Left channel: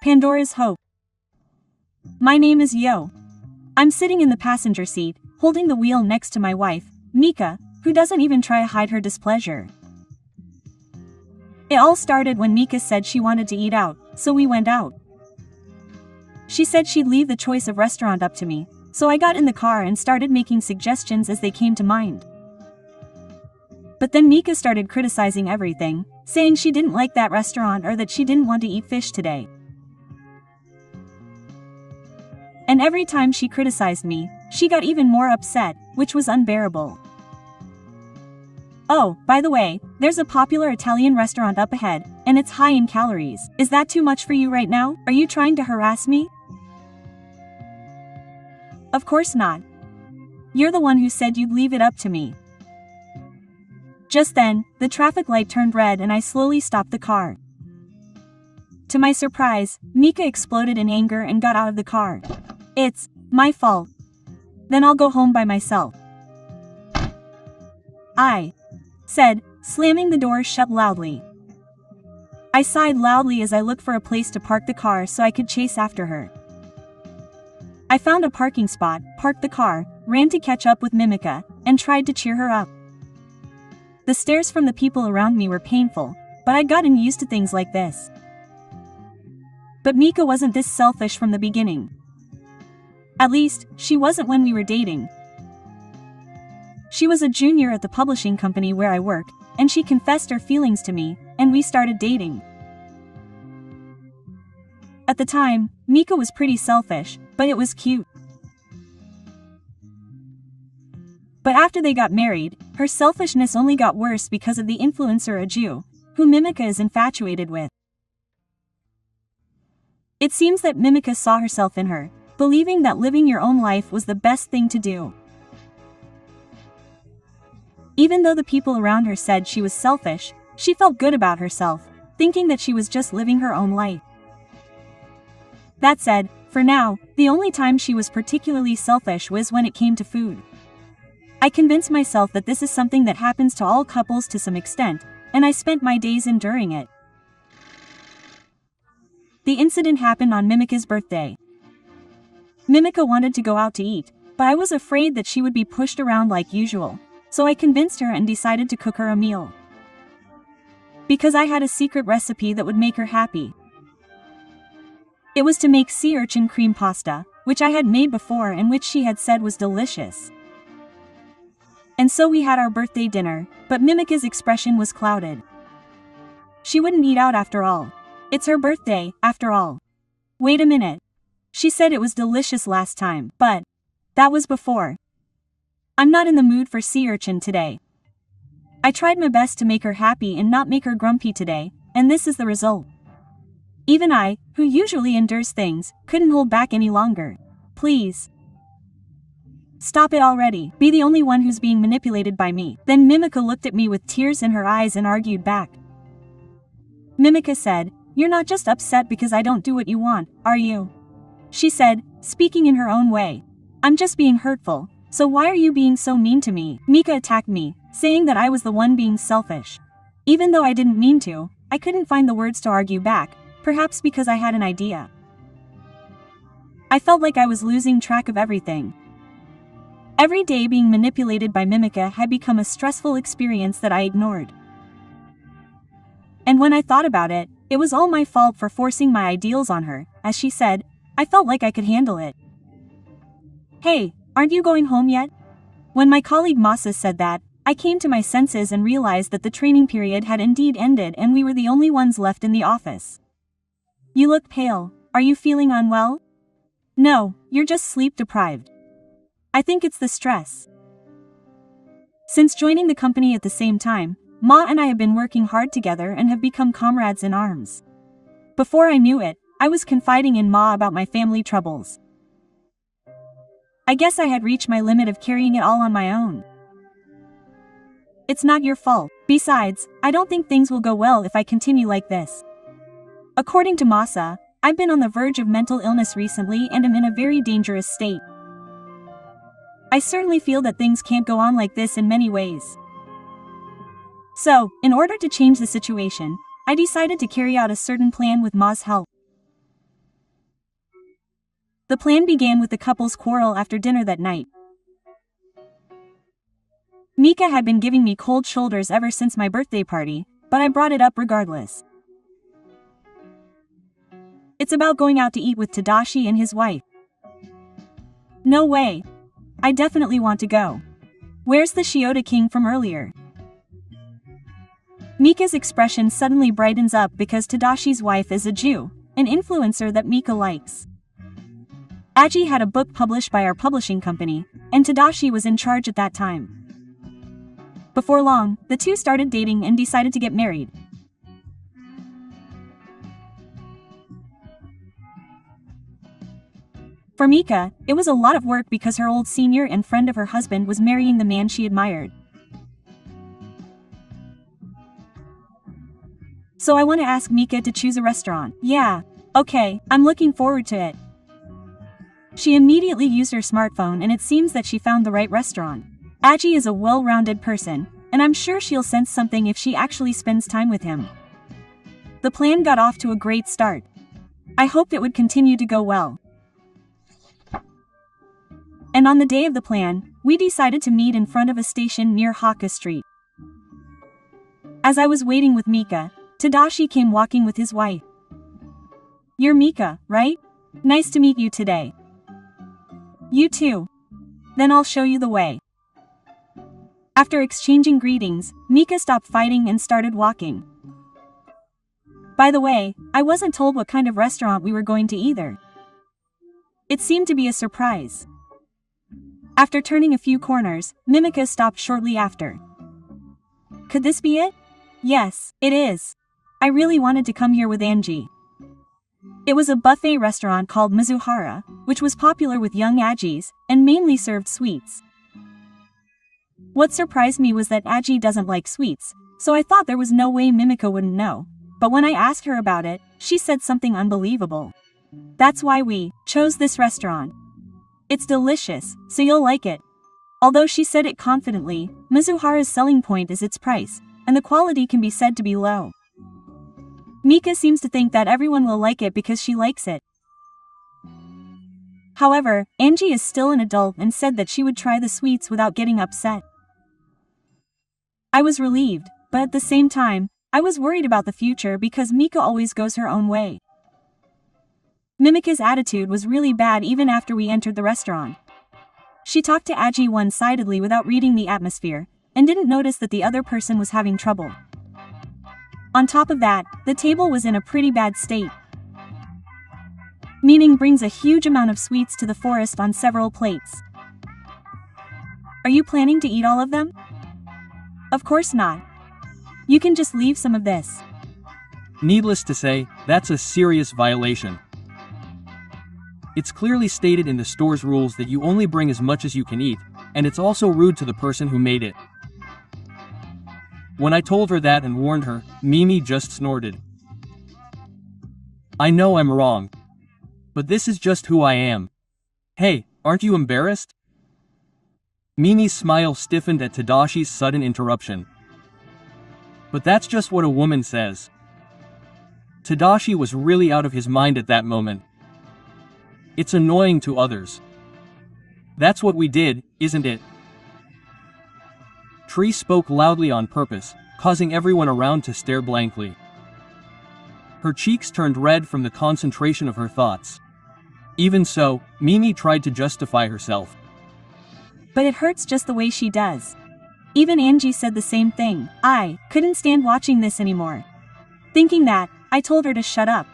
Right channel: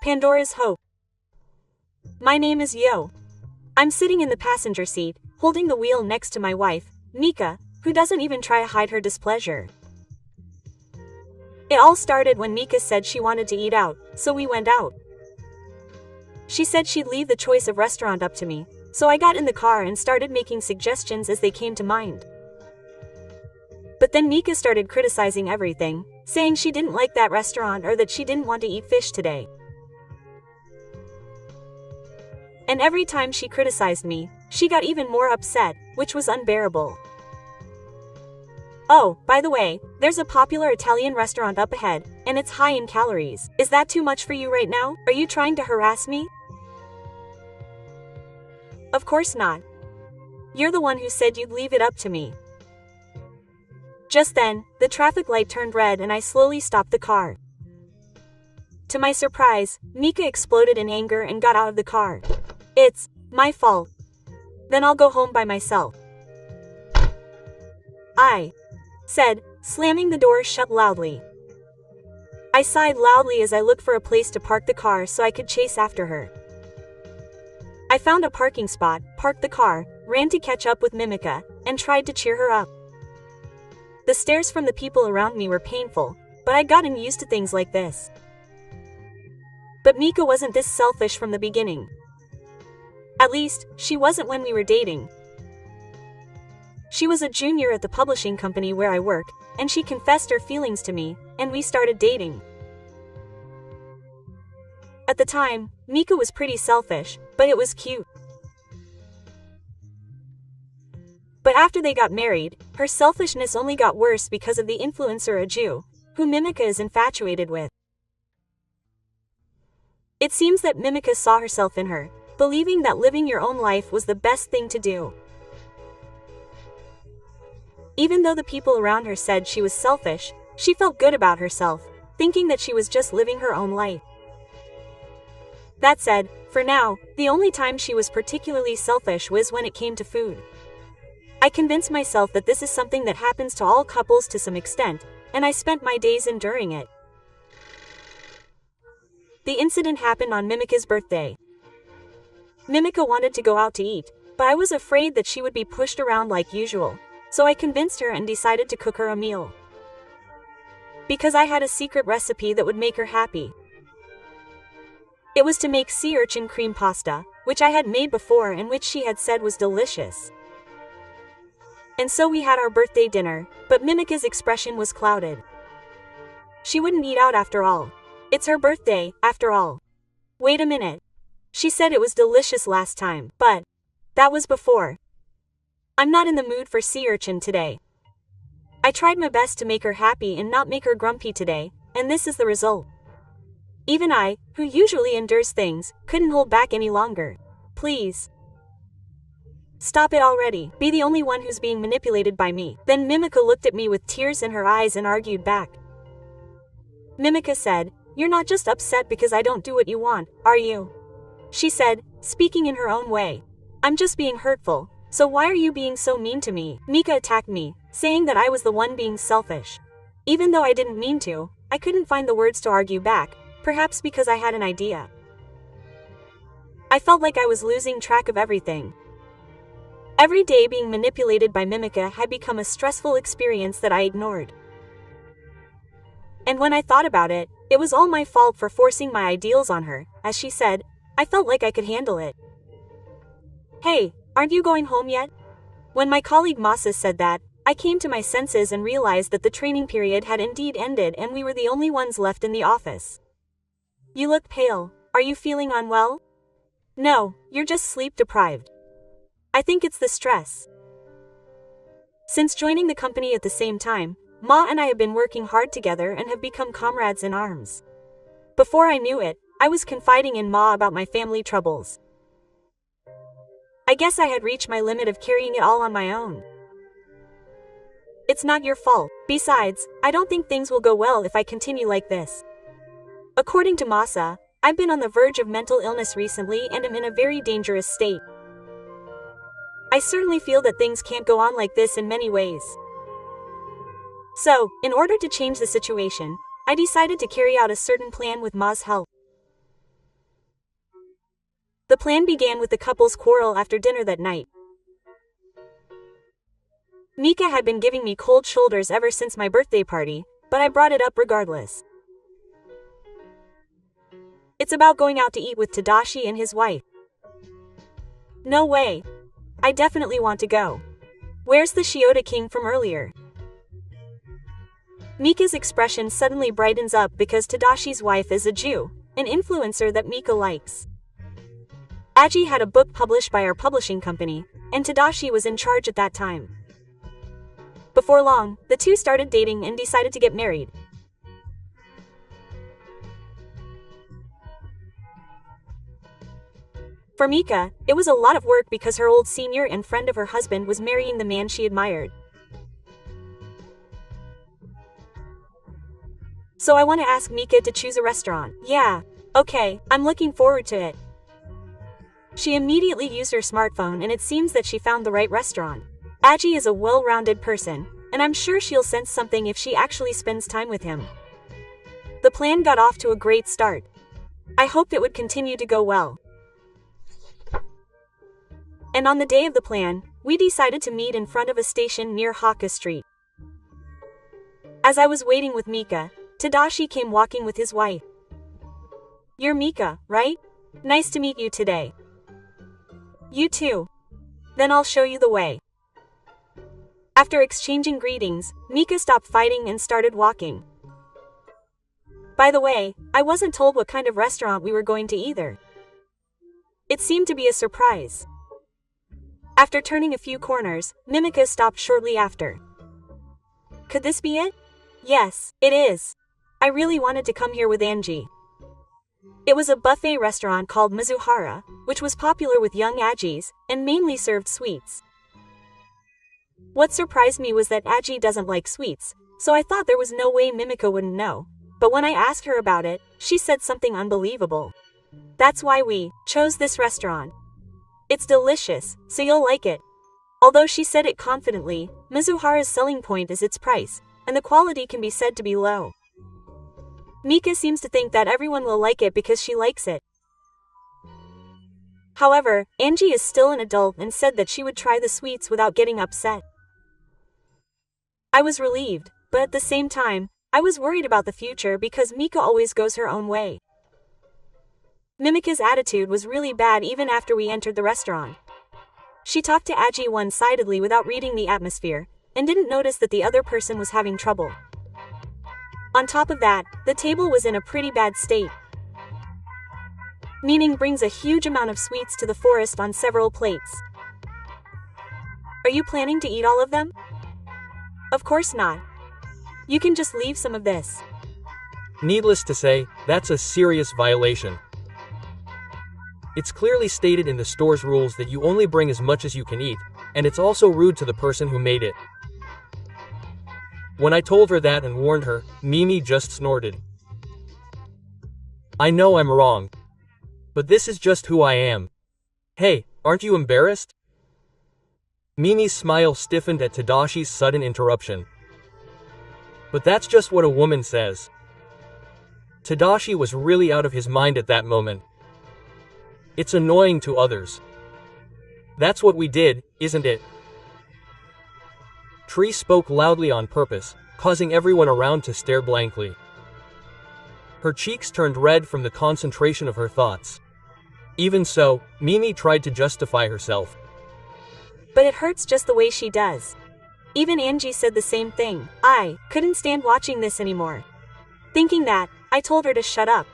Pandora's Hope. My name is Yo. I'm sitting in the passenger seat, holding the wheel next to my wife, Mika, who doesn't even try to hide her displeasure. It all started when Mika said she wanted to eat out, so we went out. She said she'd leave the choice of restaurant up to me, so I got in the car and started making suggestions as they came to mind. But then Mika started criticizing everything, saying she didn't like that restaurant or that she didn't want to eat fish today. And every time she criticized me, she got even more upset, which was unbearable. Oh, by the way, there's a popular Italian restaurant up ahead, and it's high in calories. Is that too much for you right now? Are you trying to harass me? Of course not. You're the one who said you'd leave it up to me. Just then, the traffic light turned red and I slowly stopped the car. To my surprise, Mika exploded in anger and got out of the car. It's my fault. Then I'll go home by myself, I said, slamming the door shut loudly. I sighed loudly as I looked for a place to park the car so I could chase after her. I found a parking spot, parked the car, ran to catch up with Mimika, and tried to cheer her up. The stares from the people around me were painful, but I'd gotten used to things like this. But Mika wasn't this selfish from the beginning. At least, she wasn't when we were dating. She was a junior at the publishing company where I work, and she confessed her feelings to me, and we started dating. At the time, Mika was pretty selfish, but it was cute. But after they got married, her selfishness only got worse because of the influencer Aju, who Mimika is infatuated with. It seems that Mimika saw herself in her, believing that living your own life was the best thing to do. Even though the people around her said she was selfish, she felt good about herself, thinking that she was just living her own life. That said, for now, the only time she was particularly selfish was when it came to food. I convinced myself that this is something that happens to all couples to some extent, and I spent my days enduring it. The incident happened on Mimika's birthday. Mimika wanted to go out to eat, but I was afraid that she would be pushed around like usual, so I convinced her and decided to cook her a meal. Because I had a secret recipe that would make her happy. It was to make sea urchin cream pasta, which I had made before and which she had said was delicious. And so we had our birthday dinner, but Mimika's expression was clouded. She wouldn't eat out after all. It's her birthday, after all. Wait a minute. She said it was delicious last time, but that was before. I'm not in the mood for sea urchin today. I tried my best to make her happy and not make her grumpy today, and this is the result. Even I, who usually endures things, couldn't hold back any longer. Please. Stop it already. Be the only one who's being manipulated by me. Then Mimika looked at me with tears in her eyes and argued back. Mimika said, "You're not just upset because I don't do what you want, are you?" She said, speaking in her own way. "I'm just being hurtful, so why are you being so mean to me?" Mika attacked me, saying that I was the one being selfish. Even though I didn't mean to, I couldn't find the words to argue back, perhaps because I had an idea. I felt like I was losing track of everything. Every day being manipulated by Mimika had become a stressful experience that I ignored. And when I thought about it, it was all my fault for forcing my ideals on her. As she said, I felt like I could handle it. "Hey, aren't you going home yet?" When my colleague Masa said that, I came to my senses and realized that the training period had indeed ended and we were the only ones left in the office. "You look pale. Are you feeling unwell?" "No, you're just sleep deprived. I think it's the stress." Since joining the company at the same time, Ma and I have been working hard together and have become comrades in arms. Before I knew it, I was confiding in Ma about my family troubles. I guess I had reached my limit of carrying it all on my own. "It's not your fault. Besides, I don't think things will go well if I continue like this." According to Masa, I've been on the verge of mental illness recently and am in a very dangerous state. I certainly feel that things can't go on like this in many ways. So, in order to change the situation, I decided to carry out a certain plan with Ma's help. The plan began with the couple's quarrel after dinner that night. Mika had been giving me cold shoulders ever since my birthday party, but I brought it up regardless. It's about going out to eat with Tadashi and his wife. No way. I definitely want to go. Where's the Shiota King from earlier? Mika's expression suddenly brightens up because Tadashi's wife is a Jew, an influencer that Mika likes. Aji had a book published by our publishing company, and Tadashi was in charge at that time. Before long, the two started dating and decided to get married. For Mika, it was a lot of work because her old senior and friend of her husband was marrying the man she admired. So I want to ask Mika to choose a restaurant. Yeah, okay, I'm looking forward to it. She immediately used her smartphone and it seems that she found the right restaurant. Aji is a well-rounded person, and I'm sure she'll sense something if she actually spends time with him. The plan got off to a great start. I hoped it would continue to go well. And on the day of the plan, we decided to meet in front of a station near Hakka Street. As I was waiting with Mika, Tadashi came walking with his wife. You're Mika, right? Nice to meet you today. You too. Then I'll show you the way. After exchanging greetings, Mika stopped fighting and started walking. By the way, I wasn't told what kind of restaurant we were going to either. It seemed to be a surprise. After turning a few corners, Mimika stopped shortly after. Could this be it? Yes, it is. I really wanted to come here with Angie. It was a buffet restaurant called Mizuhara, which was popular with young Ajis, and mainly served sweets. What surprised me was that Aji doesn't like sweets, so I thought there was no way Mimika wouldn't know. But when I asked her about it, she said something unbelievable. That's why we chose this restaurant. It's delicious, so you'll like it. Although she said it confidently, Mizuhara's selling point is its price, and the quality can be said to be low. Mika seems to think that everyone will like it because she likes it. However, Angie is still an adult and said that she would try the sweets without getting upset. I was relieved, but at the same time, I was worried about the future because Mika always goes her own way. Mimika's attitude was really bad even after we entered the restaurant. She talked to Aji one-sidedly without reading the atmosphere, and didn't notice that the other person was having trouble. On top of that, the table was in a pretty bad state. Meaning brings a huge amount of sweets to the forest on several plates. Are you planning to eat all of them? Of course not. You can just leave some of this. Needless to say, that's a serious violation. It's clearly stated in the store's rules that you only bring as much as you can eat, and it's also rude to the person who made it. When I told her that and warned her, Mimi just snorted. I know I'm wrong. But this is just who I am. Hey, aren't you embarrassed? Mimi's smile stiffened at Tadashi's sudden interruption. But that's just what a woman says. Tadashi was really out of his mind at that moment. It's annoying to others. That's what we did, isn't it? Tree spoke loudly on purpose, causing everyone around to stare blankly. Her cheeks turned red from the concentration of her thoughts. Even so, Mimi tried to justify herself. But it hurts just the way she does. Even Angie said the same thing. I couldn't stand watching this anymore. Thinking that, I told her to shut up.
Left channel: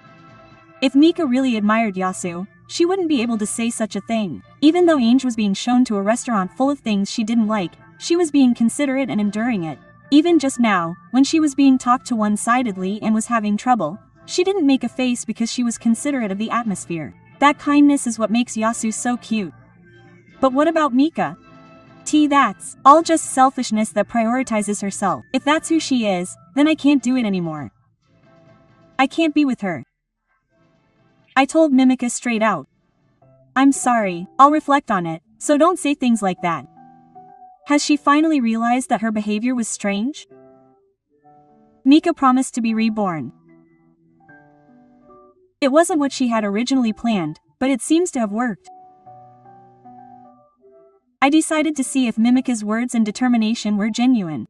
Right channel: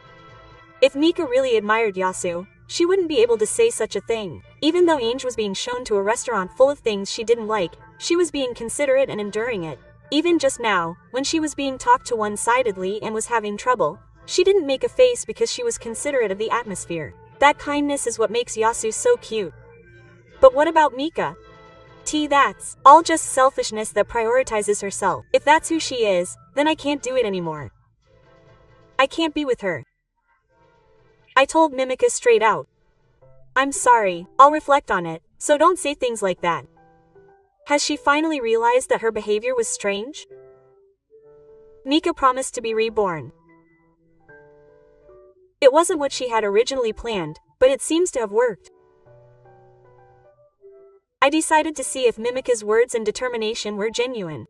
If Mika really admired Yasu, she wouldn't be able to say such a thing. Even though Ange was being shown to a restaurant full of things she didn't like, she was being considerate and enduring it. Even just now, when she was being talked to one-sidedly and was having trouble, she didn't make a face because she was considerate of the atmosphere. That kindness is what makes Yasu so cute. But what about Mika? That's all just selfishness that prioritizes herself. If that's who she is, then I can't do it anymore. I can't be with her. I told Mimika straight out. I'm sorry, I'll reflect on it, so don't say things like that. Has she finally realized that her behavior was strange? Mika promised to be reborn. It wasn't what she had originally planned, but it seems to have worked. I decided to see if Mimica's words and determination were genuine.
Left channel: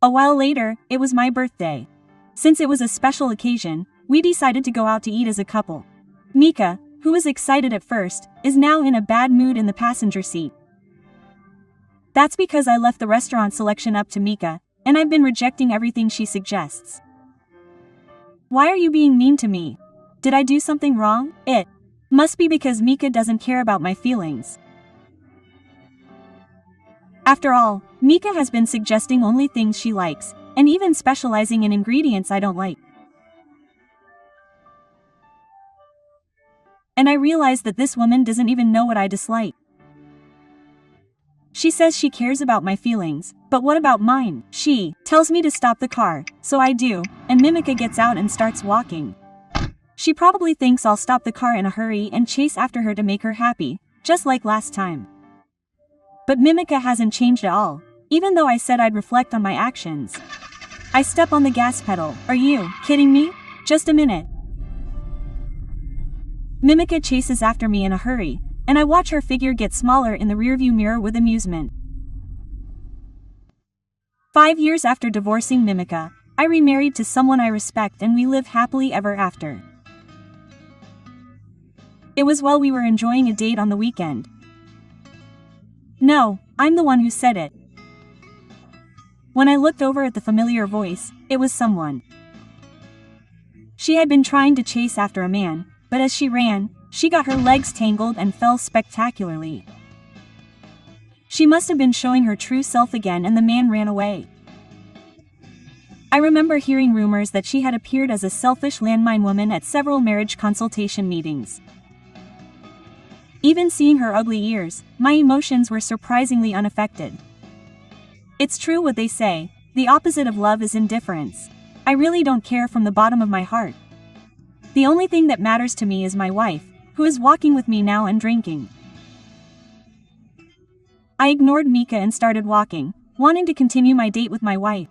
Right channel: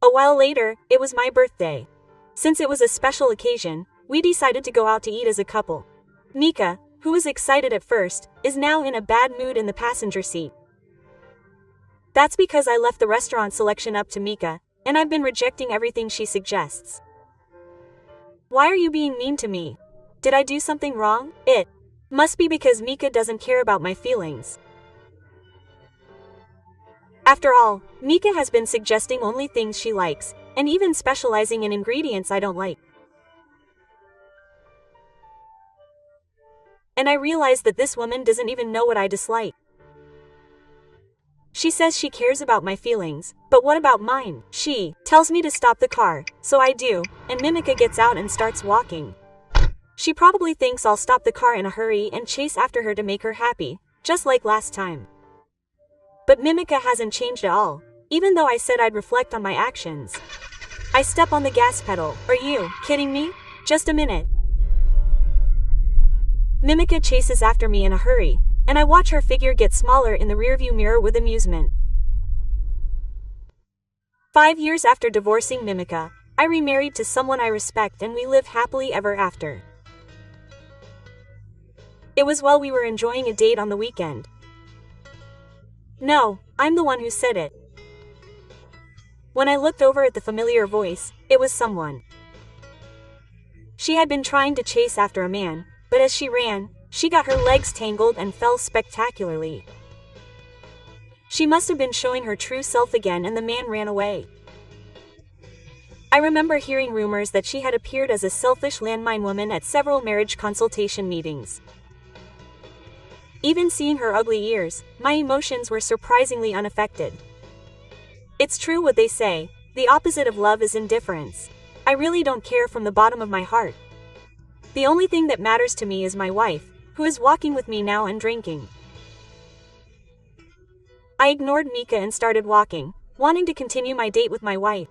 A while later, it was my birthday. Since it was a special occasion, we decided to go out to eat as a couple. Mika, who was excited at first, is now in a bad mood in the passenger seat. That's because I left the restaurant selection up to Mika, and I've been rejecting everything she suggests. Why are you being mean to me? Did I do something wrong? It must be because Mika doesn't care about my feelings. After all, Mika has been suggesting only things she likes, and even specializing in ingredients I don't like. And I realize that this woman doesn't even know what I dislike. She says she cares about my feelings, but what about mine? She tells me to stop the car, so I do, and Mimica gets out and starts walking. She probably thinks I'll stop the car in a hurry and chase after her to make her happy, just like last time. But Mimica hasn't changed at all, even though I said I'd reflect on my actions. I step on the gas pedal. Are you kidding me? Just a minute. Mimica chases after me in a hurry, and I watch her figure get smaller in the rearview mirror with amusement. 5 years after divorcing Mimica, I remarried to someone I respect and we live happily ever after. It was while we were enjoying a date on the weekend. No, I'm the one who said it. When I looked over at the familiar voice, it was someone. She had been trying to chase after a man, but as she ran, she got her legs tangled and fell spectacularly. She must have been showing her true self again and the man ran away. I remember hearing rumors that she had appeared as a selfish landmine woman at several marriage consultation meetings. Even seeing her ugly ears, my emotions were surprisingly unaffected. It's true what they say, the opposite of love is indifference. I really don't care from the bottom of my heart. The only thing that matters to me is my wife, who is walking with me now and drinking. I ignored Mika and started walking, wanting to continue my date with my wife.